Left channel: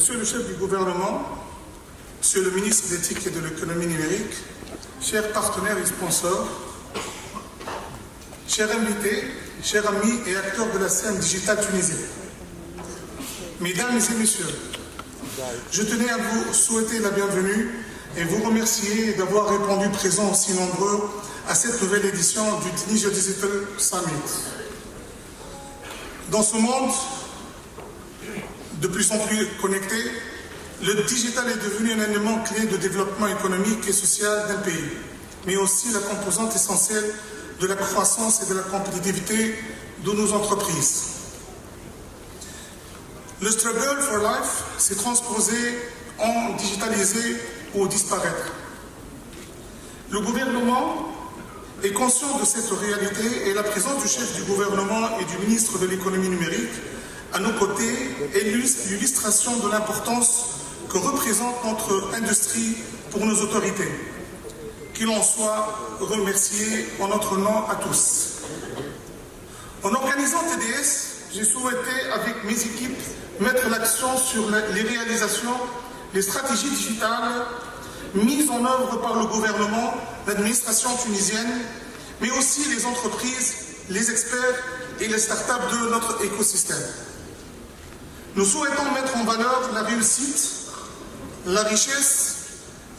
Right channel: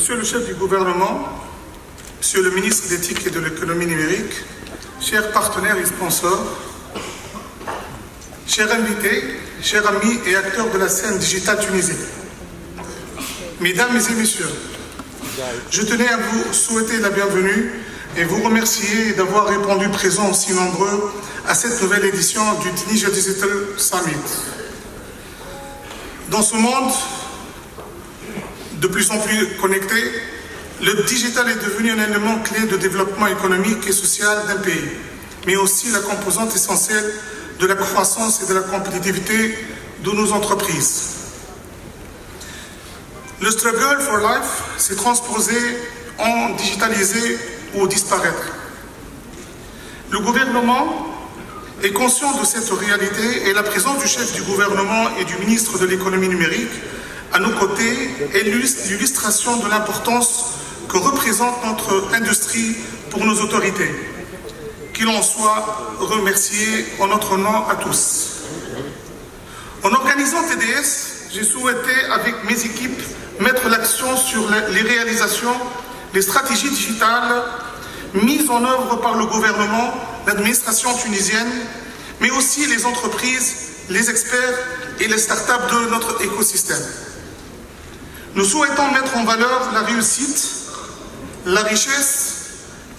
Monsieur le chef du gouvernement, Monsieur le ministre d'éthique et de l'économie numérique, chers partenaires et sponsors, chers invités, chers amis et acteurs de la scène digitale tunisienne, mesdames et messieurs, je tenais à vous souhaiter la bienvenue et vous remercier d'avoir répondu présent aussi nombreux à cette nouvelle édition du Tunisia Digital Summit. Dans ce monde de plus en plus connecté, le digital est devenu un élément clé de développement économique et social d'un pays, mais aussi la composante essentielle de la croissance et de la compétitivité de nos entreprises. Le struggle for life s'est transposé en digitaliser ou disparaître. Le gouvernement est conscient de cette réalité et la présence du chef du gouvernement et du ministre de l'économie numérique à nos côtés est l'illustration de l'importance que représente notre industrie pour nos autorités. Qu'il en soit remercié en notre nom à tous. En organisant TDS, j'ai souhaité, avec mes équipes, mettre l'accent sur les réalisations, les stratégies digitales mises en œuvre par le gouvernement, l'administration tunisienne, mais aussi les entreprises, les experts et les startups de notre écosystème. Nous souhaitons mettre en valeur la réussite, la richesse,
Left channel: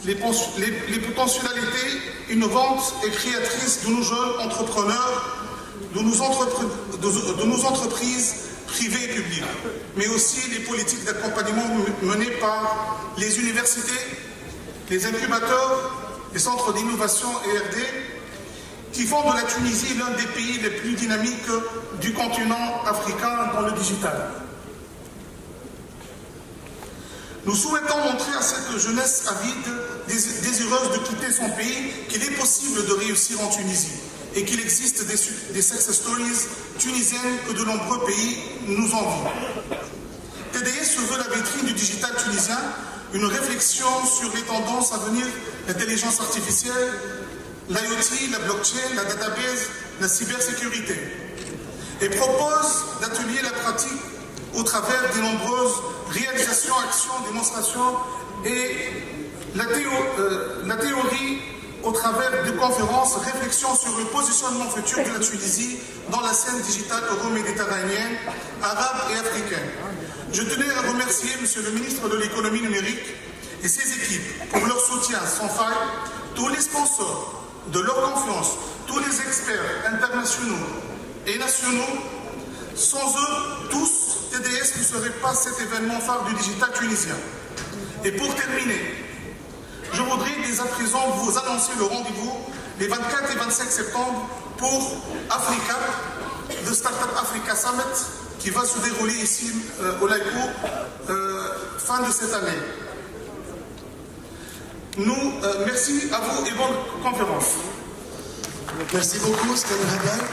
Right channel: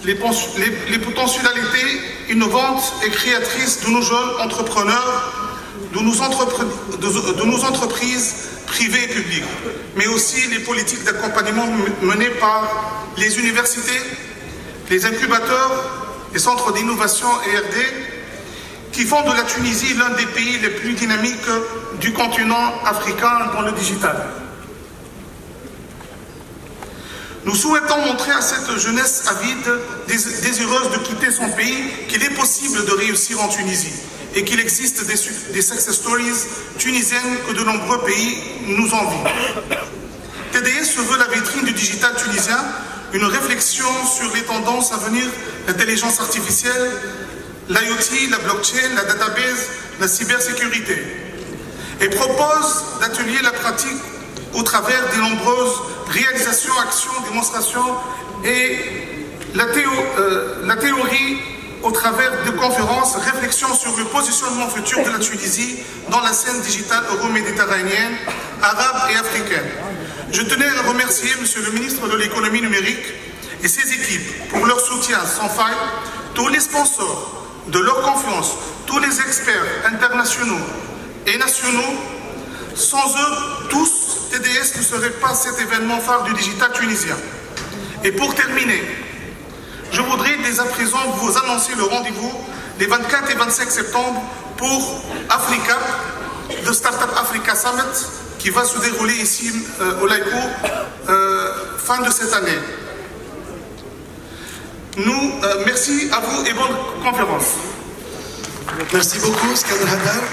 les potentialités innovantes et créatrices de nos jeunes entrepreneurs, de nos entreprises privées et publiques, mais aussi les politiques d'accompagnement menées par les universités, les incubateurs, les centres d'innovation et R&D, qui font de la Tunisie l'un des pays les plus dynamiques du continent africain dans le digital. Nous souhaitons montrer à cette jeunesse avide, désireuse de quitter son pays, qu'il est possible de réussir en Tunisie et qu'il existe des success stories tunisiennes que de nombreux pays nous envient. TDS se veut la vitrine du digital tunisien, une réflexion sur les tendances à venir, l'intelligence artificielle, l'IoT, la blockchain, la database, la cybersécurité, et propose d'atelier la pratique au travers des nombreuses réalisations, actions, démonstrations et la théorie au travers de conférences, réflexions sur le positionnement futur de la Tunisie dans la scène digitale euro-méditerranéenne, arabe et africaine. Je tenais à remercier Monsieur le ministre de l'économie numérique et ses équipes pour leur soutien sans faille, tous les sponsors de leur confiance, tous les experts internationaux et nationaux. Sans eux, tous, TDS ne serait pas cet événement phare du digital tunisien. Et pour terminer, je voudrais dès à présent vous annoncer le rendez-vous les 24 et 25 septembre pour Africa, le Startup Africa Summit, qui va se dérouler ici au Laïco fin de cette année. Merci à vous et bonne conférence. Merci beaucoup, Skander Hadar.